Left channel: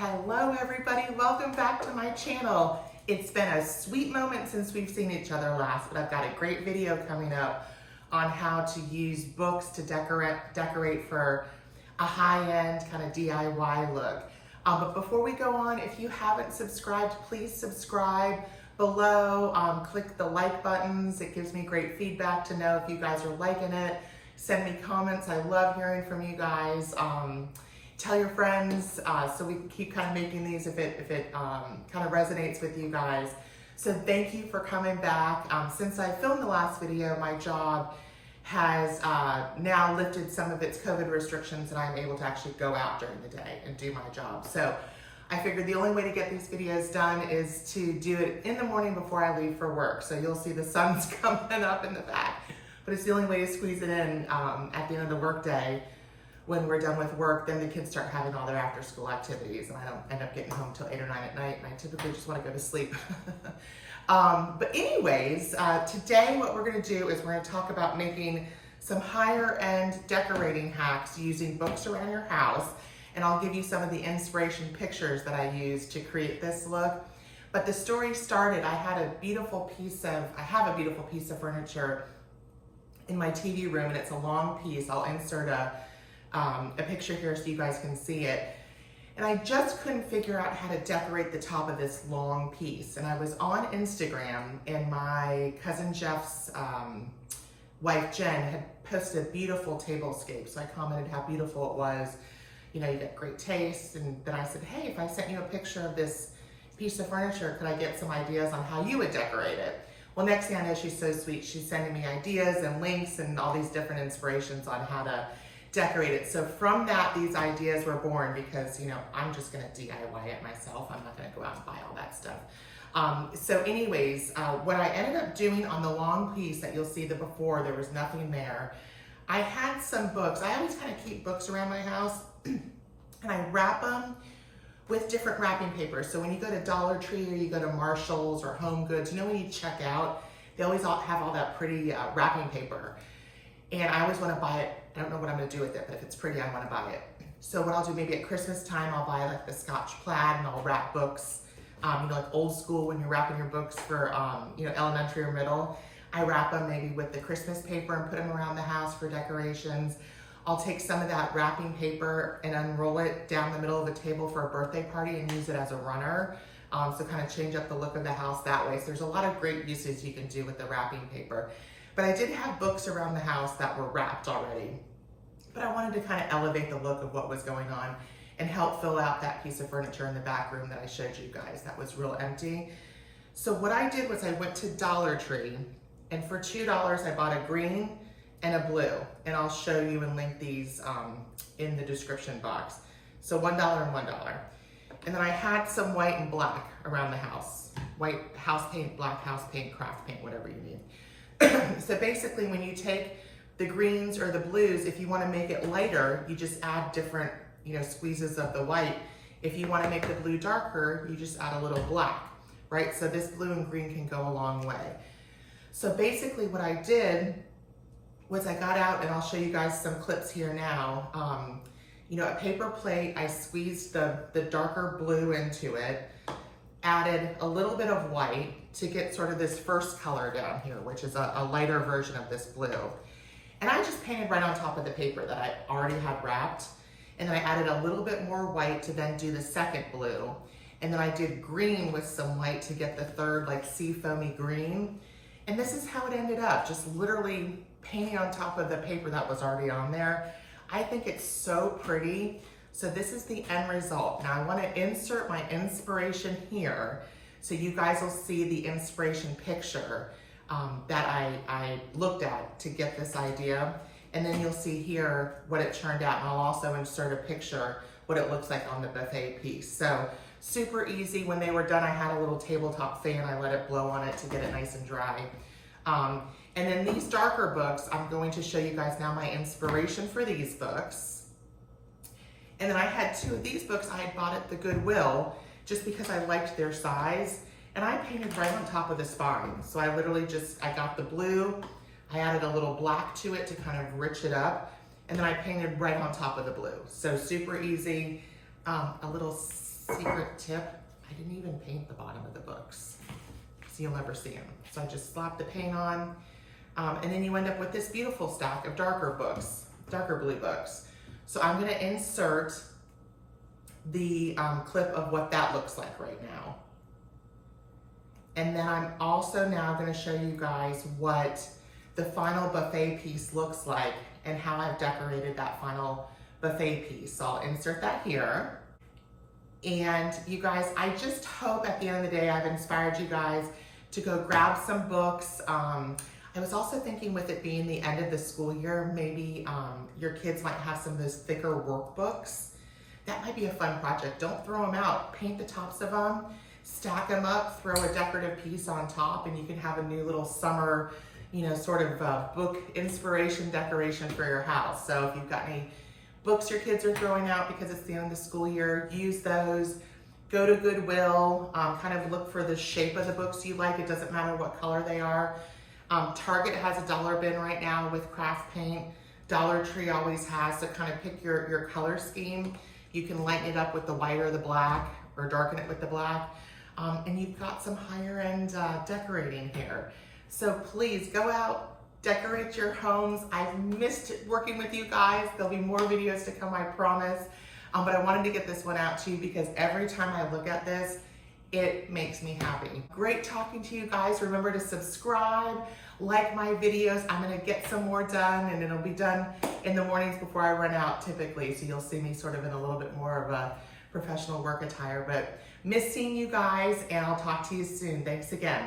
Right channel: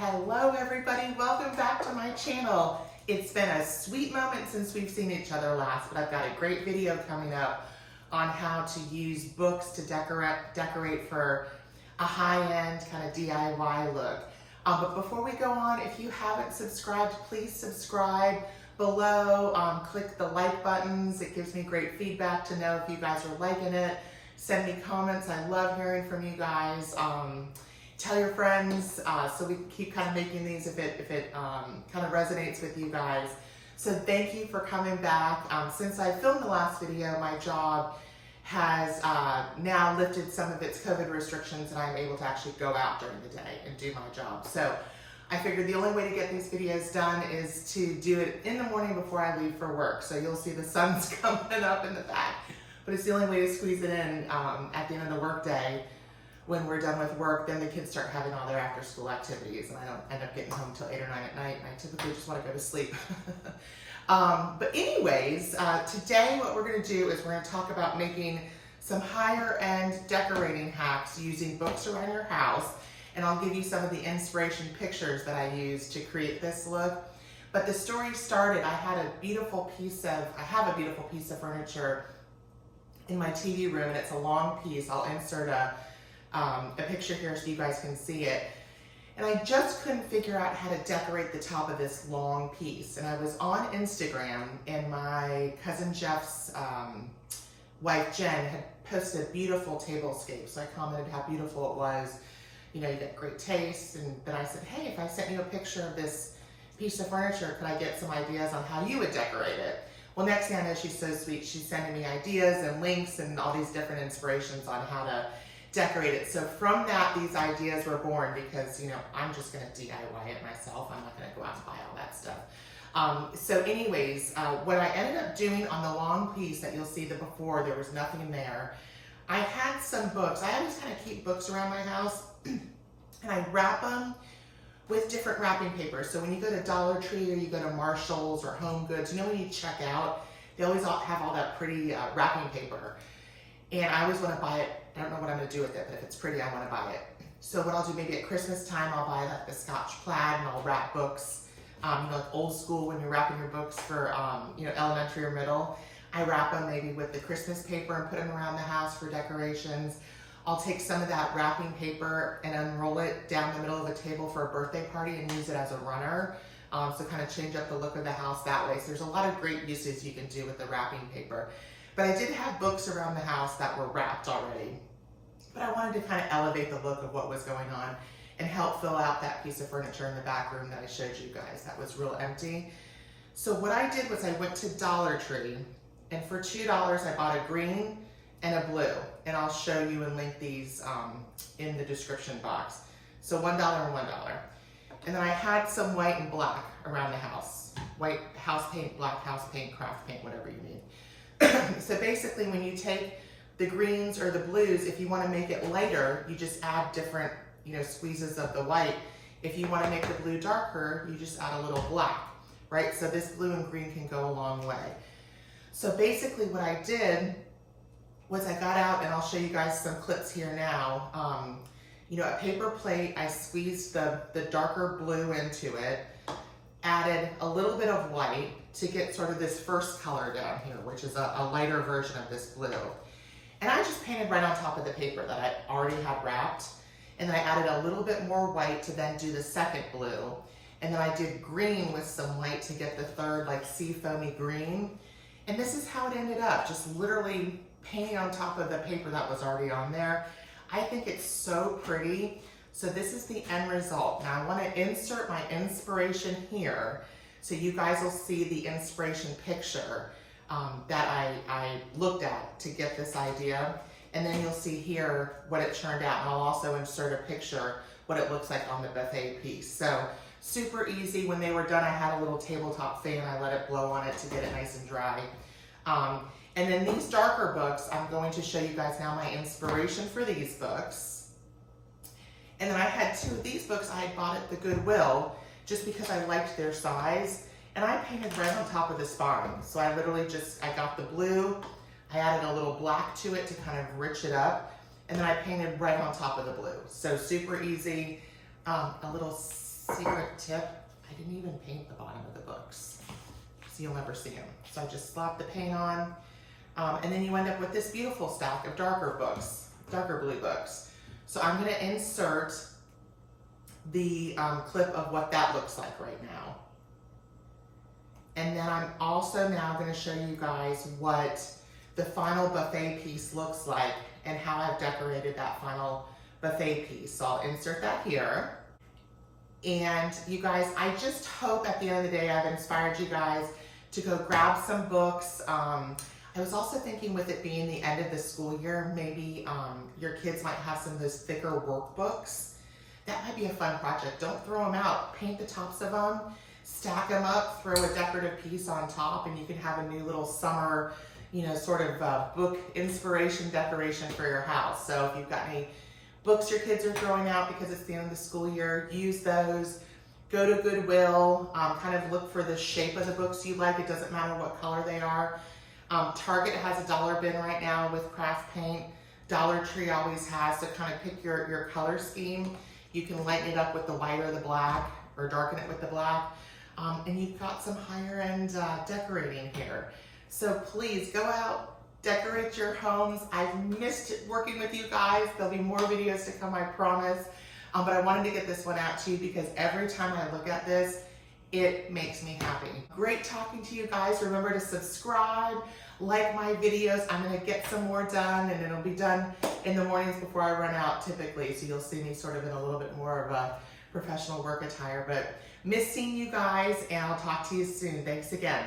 Hello everybody, welcome back to my channel. It's been a sweet moment since we've seen each other last, but I've got a great video coming up on how to use books to decorate for a high-end kind of DIY look. But before we go on, if you haven't subscribed, please subscribe below. Click the like buttons. It gives me great feedback to know if you guys are liking it. Send me comments. I love hearing from you guys. Tell your friends so we can keep kind of making these if it kind of resonates with you guys. So thank you for coming back. Since I filmed the last video, my job has now lifted some of its COVID restrictions and I'm able to actually go out during the day and do my job. So I figured the only way to get these videos done is to do it in the morning before I leave for work. So you'll see the sun's coming up in the back, but it's the only way to squeeze it in at the end of the work day. When we're done with work, then the kids start having all their after school activities and I don't end up getting home till 8 or 9 at night and I typically just want to go to sleep. But anyways, today what we're going to do is we're going to talk about making some higher end decorating hacks using books around your house, and I'll give you some of the inspiration pictures that I used to create this look. But the story started, I have a beautiful piece of furniture in my TV room and it's a long piece. I'll insert a picture here so you guys can see it. And I just couldn't figure out how to decorate the top of this long piece. And I was on Instagram and my cousin Jeff's wife Jen had posted a beautiful tablescape. So I commented how beautiful it was. You know, you got great taste. And then I said, hey, if I sent you a picture of this piece of furniture, could I get some ideas on how you would decorate it? Well, next thing I know, she's so sweet. She's sending me ideas and links and all these different inspirations on how to decorate it. So from that, these ideas were born because, you know, I'm just going to DIY it myself. I'm not going to go out and buy all that stuff. So anyways, what I ended up doing on the long piece that you'll see the before, there was nothing there. I had some books. I always kind of keep books around my house and I wrap them with different wrapping paper. So when you go to Dollar Tree or you go to Marshall's or Home Goods, you know, when you check out, they always have all that pretty wrapping paper. And I always want to buy it. I don't know what I'm going to do with it, but if it's pretty, I want to buy it. So what I'll do, maybe at Christmas time, I'll buy like the Scotch plaid and I'll wrap books. You know, like old school when you're wrapping your books for, you know, elementary or middle. I wrap them maybe with the Christmas paper and put them around the house for decorations. I'll take some of that wrapping paper and unroll it down the middle of a table for a birthday party and use it as a runner. So kind of change up the look of the house that way. So there's a lot of great uses you can do with the wrapping paper. But I did have books around the house that were wrapped already. But I wanted to kind of elevate the look of what was going on and help fill out that piece of furniture in the back room that I showed you guys that was real empty. So what I did was I went to Dollar Tree and for $2 I bought a green and a blue. And I'll show you and link these in the description box. So $1 and $1. And then I had some white and black around the house. White house paint, black house paint, craft paint, whatever you need. So basically when you take the greens or the blues, if you want to make it lighter, you just add different, you know, squeezes of the white. If you want to make the blue darker, you just add a little black, right? So this blue and green can go a long way. So basically what I did was I got out, and I'll show you guys some clips here now. You know, a paper plate, I squeezed the darker blue into it, added a little bit of white to get sort of this first color down here, which is a lighter version of this blue. And I just painted right on top of the paper that I already had wrapped. And then I added a little bit more white to then do the second blue. And then I did green with some white to get the third like sea foamy green. And this is how it ended up, just literally painting on top of the paper that was already on there. I think it's so pretty. So this is the end result. Now I want to insert my inspiration here so you guys will see the inspiration picture that I looked at to get this idea. And then you'll see here what it turned out. And I'll also insert a picture what it looks like on the buffet piece. So super easy. When they were done, I had a little tabletop fan. I let it blow on it to get it nice and dry. And then these darker books, I'm going to show you guys now my inspiration for these books. And then I had two of these books I had bought at the Goodwill just because I liked their size. And I painted right on top of the spine. So I literally I got the blue, I added a little black to it to kind of rich it up. And then I painted right on top of the blue. So super easy. A little secret tip, I didn't even paint the bottom of the books, so you'll never see them. So I just slapped the paint on, and then you end up with this beautiful stack of darker books, darker blue books. So I'm gonna insert the clip of what that looks like right now. And then I'm also now gonna show you guys what the final buffet piece looks like and how I've decorated that final buffet piece. So I'll insert that here. And you guys, I just hope at the end of the day I've inspired you guys to go grab some books. I was also thinking with it being the end of the school year, maybe your kids might have some of those thicker workbooks. That might be a fun project. Don't throw them out. Paint the tops of them, stack them up, throw a decorative piece on top, and you can have a new little summer, you know, sort of book inspiration decoration for your house. So if you've got any books your kids are throwing out because it's the end of the school year, use those. Go to Goodwill, kind of look for the shape of the books you like. It doesn't matter what color they are. Target has a dollar bin right now with craft paint. Dollar Tree always has, so kind of pick your color scheme. You can lighten it up with the white or the black, or darken it with the black. And you've got some higher end decorating here. So please go out, decorate your homes. I've missed working with you guys. There'll be more videos to come, I promise. But I wanted to get this one out to you because every time I look at this, it makes me happy. Great talking to you guys. Remember to subscribe, like my videos. I'm gonna get some more done, and it'll be done in the mornings before I run out typically. So you'll see me sort of in a little bit more of a professional work attire. But miss seeing you guys, and I'll talk to you soon. Thanks again.